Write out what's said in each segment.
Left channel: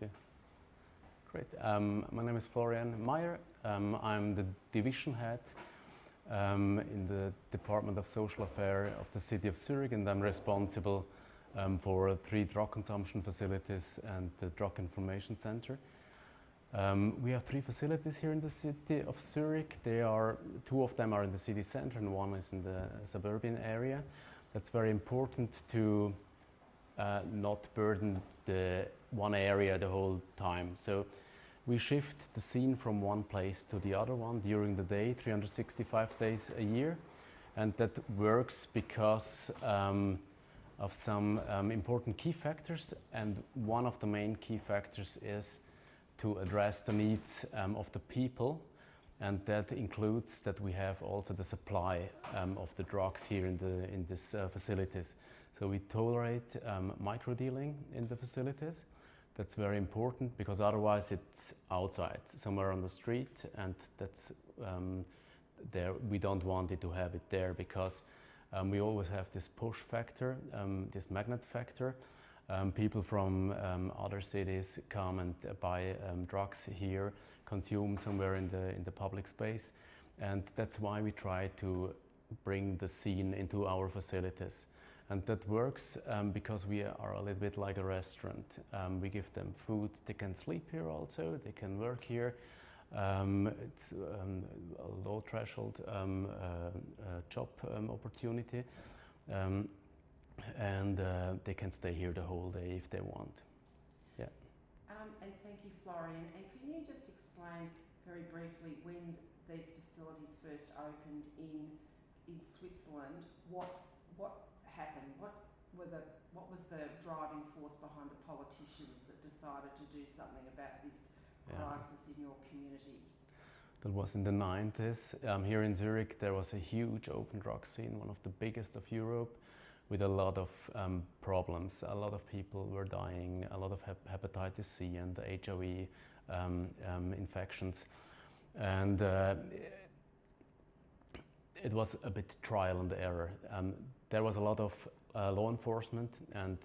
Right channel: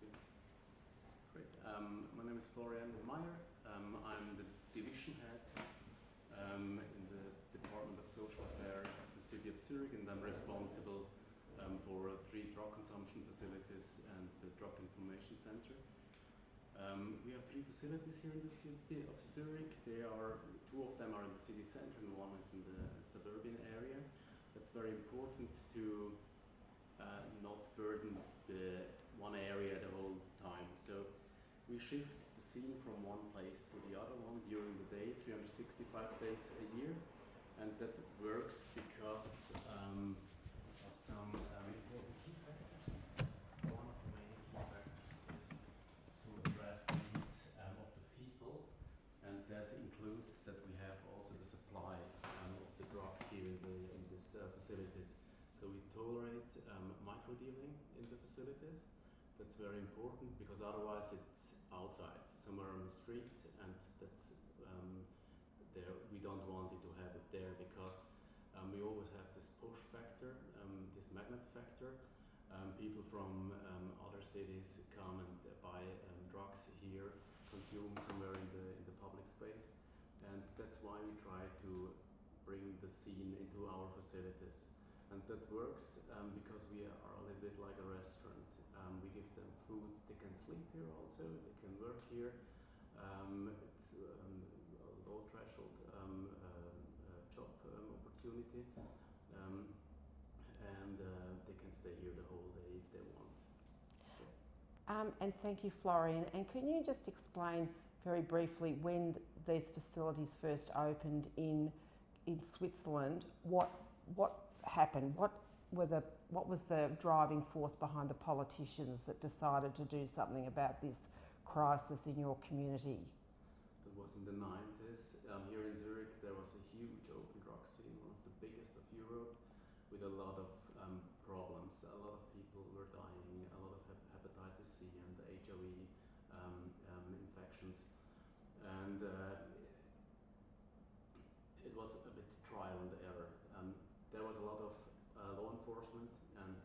Yeah. Great. My name is Florian Meyer. I'm the division head in the Department of Social Affairs of the City of Zurich, and I'm responsible for 3 drug consumption facilities and the Drug Information Center. We have 3 facilities here in the City of Zurich. 2 of them are in the city center and 1 is in the suburban area. That's very important to not burden the one area the whole time. So we shift the scene from one place to the other one during the day, 365 days a year. And that works because of some important key factors. And one of the main key factors is to address the needs of the people. And that includes that we have also the supply of the drugs here in these facilities. So we tolerate micro-dealing in the facilities. That's very important because otherwise it's outside, somewhere on the street, and that's there. We don't want it to have it there because we always have this push factor, this magnet factor. People from other cities come and buy drugs here, consume somewhere in the public space, and that's why we try to bring the scene into our facilities. And that works because we are a little bit like a restaurant. We give them food, they can sleep here also, they can work here. It's a low threshold job opportunity. And they can stay here the whole day if they want. Yeah. And thank you, Florian. And can you just explain very briefly when these facilities first opened in Switzerland? What happened? What was the driving force behind the politicians that decided to do something about this crisis in your community? That was in the 90s. Here in Zurich, there was a huge open drug scene, one of the biggest of Europe, with a lot of problems. A lot of people were dying, a lot of hepatitis C and HIV infections. And it was a bit trial and error. There was a lot of law enforcement and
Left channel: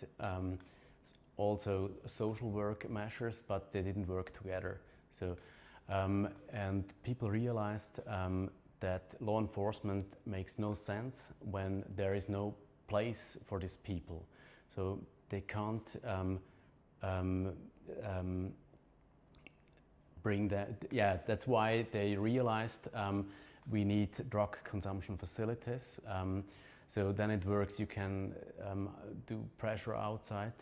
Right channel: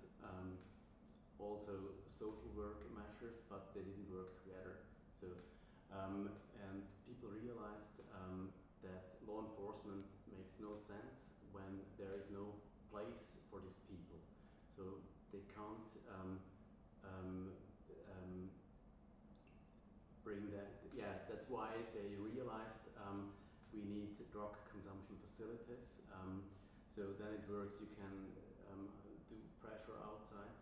also social work measures, but they didn't work together. So, and people realized that law enforcement makes no sense when there is no place for these people. So they can't bring that. Yeah, that's why they realized we need drug consumption facilities. So then it works. You can do pressure outside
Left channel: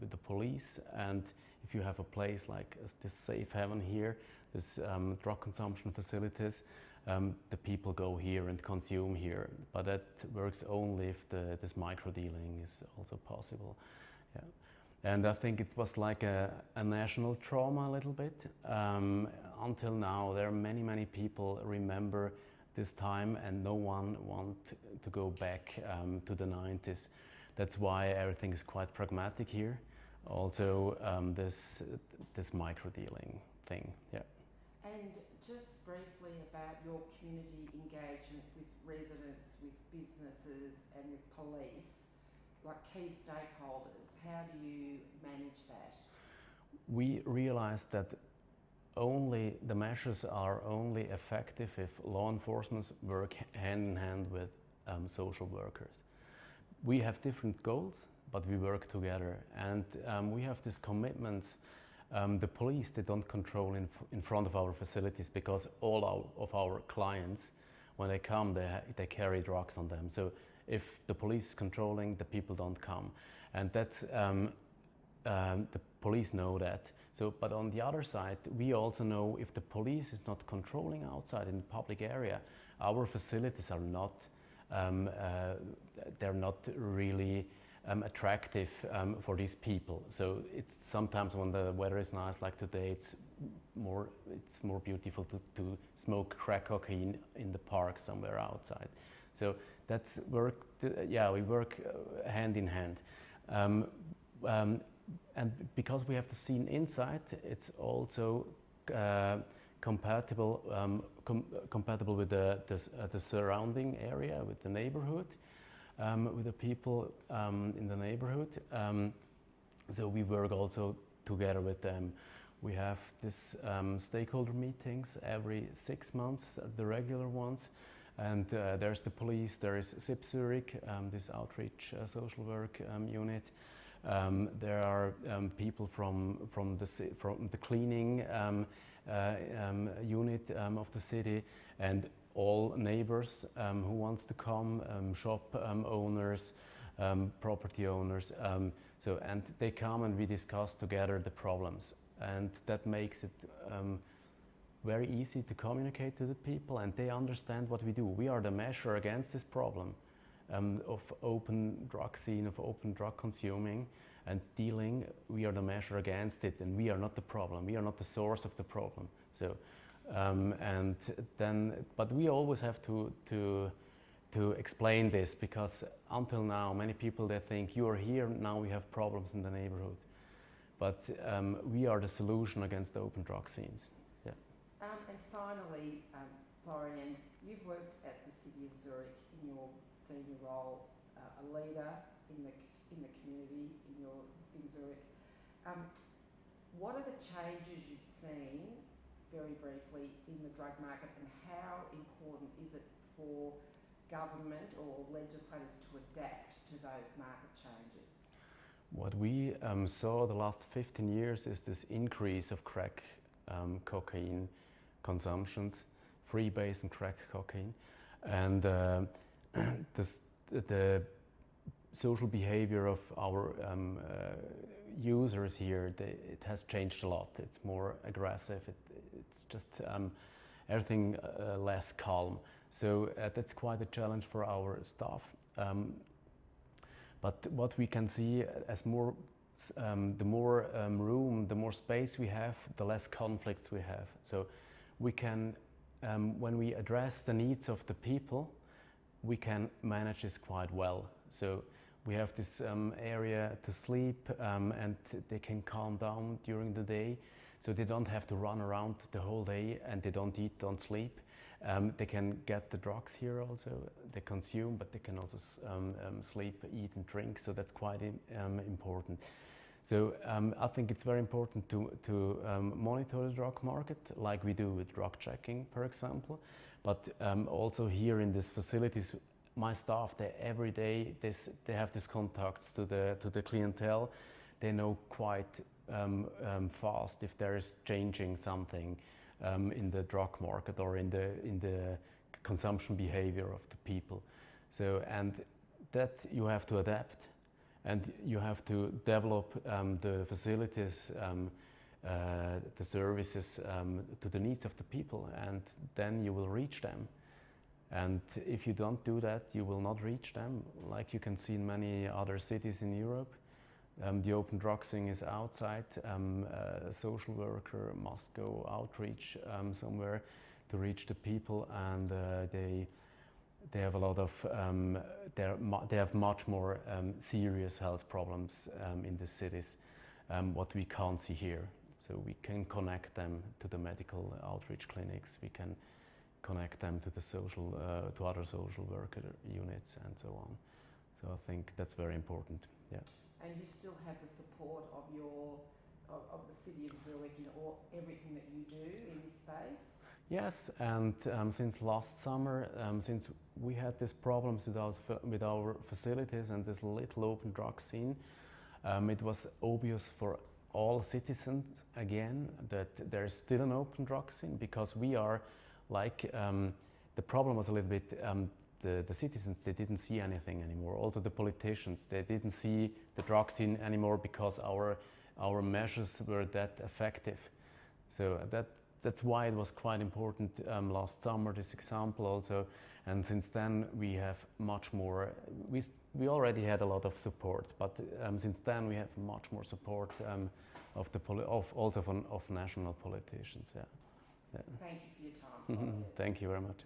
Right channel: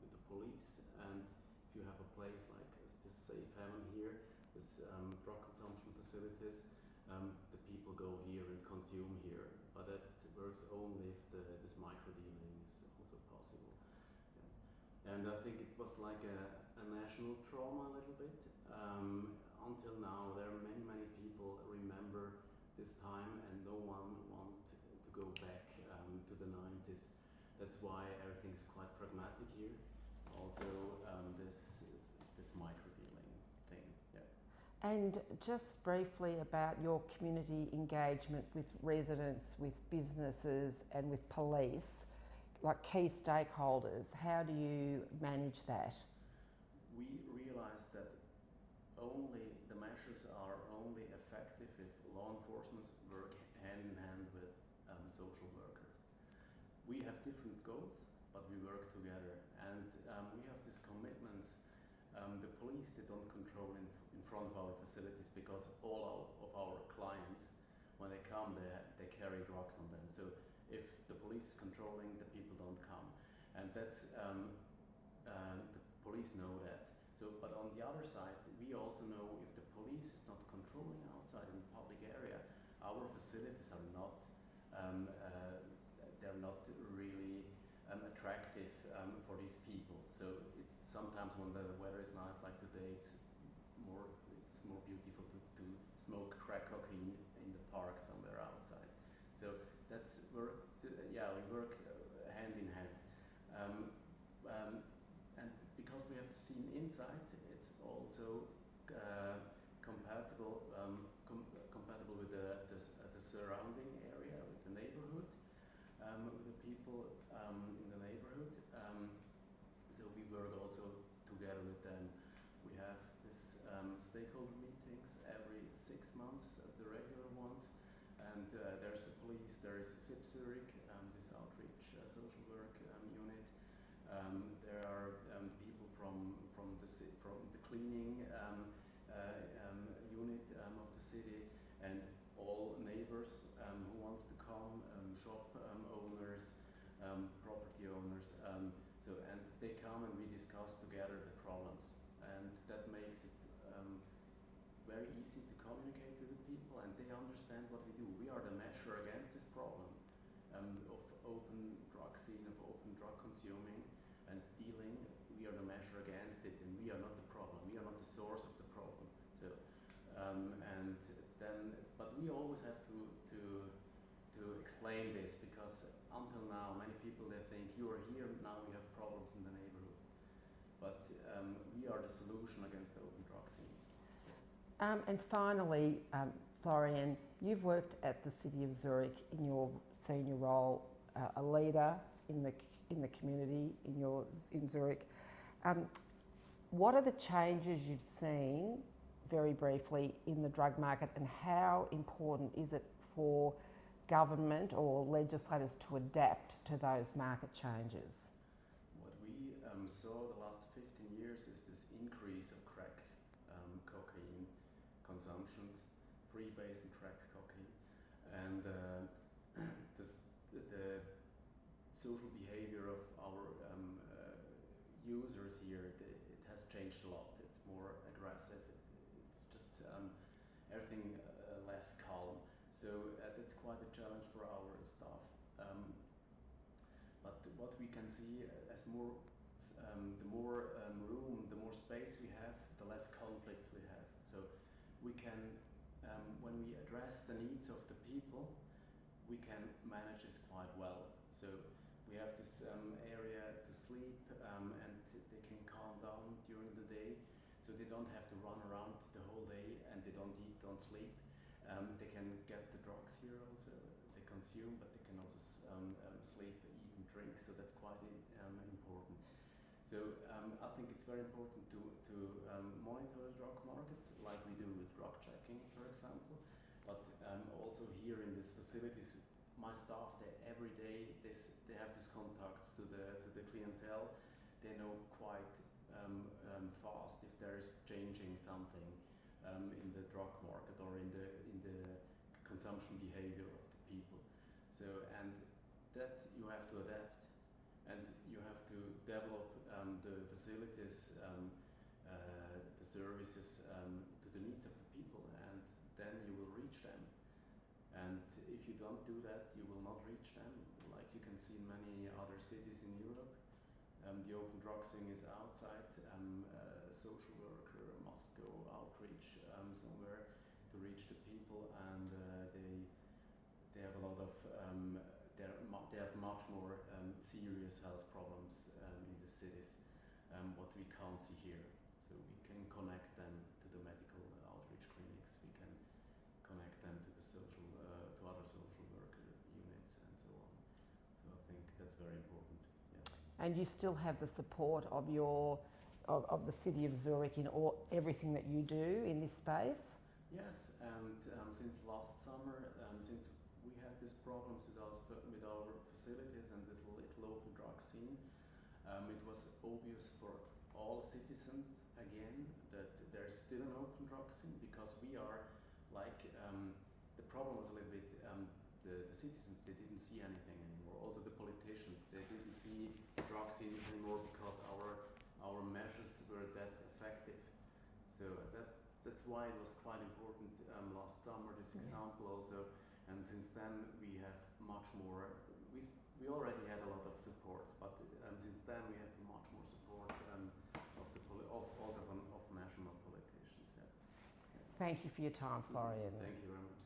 with the police, and if you have a place like this safe haven here, this drug consumption facilities, the people go here and consume here. But that works only if this micro dealing is also possible. Yeah. And I think it was like a national trauma a little bit. Until now, there are many people remember this time, and no one wants to go back to the 90s. That's why everything is quite pragmatic here. Also, this micro dealing thing. Yeah. And just briefly about your community engagement with residents, with businesses, and with police, like key stakeholders. How do you manage that? We realized that the measures are only effective if law enforcement work hand in hand with social workers. We have different goals, but we work together, and we have these commitments. The police, they don't control in front of our facilities because all of our clients, when they come, they carry drugs on them. So if the police is controlling, the people don't come, and that's the police know that. So, but on the other side, we also know if the police is not controlling outside in the public area, our facilities are not, they're not really attractive for these people. So it's sometimes when the weather is nice, like today, it's more beautiful to smoke crack cocaine in the park somewhere outside. So that's work. Yeah, we work hand in hand. And because we have the scene inside, it's also compatible with the surrounding area, with the neighborhood, with the people in the neighborhood. So we work also together with them. We have this stakeholder meetings every 6 months, the regular ones. And there's the police, there is SIP Zurich, this outreach social work unit. There are people from the cleaning unit of the city, and all neighbors who wants to come, shop owners, property owners. And they come and we discuss together the problems, and that makes it very easy to communicate to the people, and they understand what we do. We are the measure against this problem of open drug scene, of open drug consuming and dealing. We are the measure against it, and we are not the problem. We are not the source of the problem. So, but we always have to explain this, because until now, many people, they think you are here, now we have problems in the neighborhood. But we are the solution against the open drug scenes. And finally, Florian, you've worked at the City of Zurich in your senior role, a leader in the community in Zurich. What are the changes you've seen, very briefly, in the drug market, and how important is it for government or legislators to adapt to those market changes? What we saw the last 15 years is this increase of crack cocaine consumptions, freebase and crack cocaine, and the social behavior of our users here, it has changed a lot. It's more aggressive. It's just everything less calm. So that's quite a challenge for our staff. But what we can see as the more room, the more space we have, the less conflicts we have. So we can, when we address the needs of the people, we can manage this quite well. So we have this area to sleep, and they can calm down during the day. So they don't have to run around the whole day, and they don't eat, don't sleep. They can get the drugs here also. They consume, but they can also sleep, eat and drink. So that's quite important. So I think it's very important to monitor the drug market, like we do with drug checking, for example. But also here in these facilities, my staff, they every day they have these contacts to the clientele. They know quite fast if there is changing something in the drug market or in the consumption behavior of the people. So, and that you have to adapt, and you have to develop the facilities, the services to the needs of the people, and then you will reach them. And if you don't do that, you will not reach them, like you can see in many other cities in Europe. The open drug scene is outside. A social worker must go outreach somewhere to reach the people, and they have a lot of they have much more serious health problems in the cities, what we can't see here. So we can connect them to the medical outreach clinics. We can connect them to the to other social worker units and so on. So I think that's very important. Yeah. And you still have the support of the City of Zurich in everything that you do in this space? Yes, and since last summer, since we had these problems with our facilities and this little open drug scene, it was obvious for all citizens again that there is still an open drug scene, because we are like, the problem was a little bit, the citizens, they didn't see anything anymore. Also the politicians, they didn't see the drug scene anymore because our measures were that effective. So that's why it was quite important last summer, this example also. And since then we have much more, we already had a lot of support, but since then we have much more support of national politicians. Yeah. Thank you for your time, Florian. Thank you very much.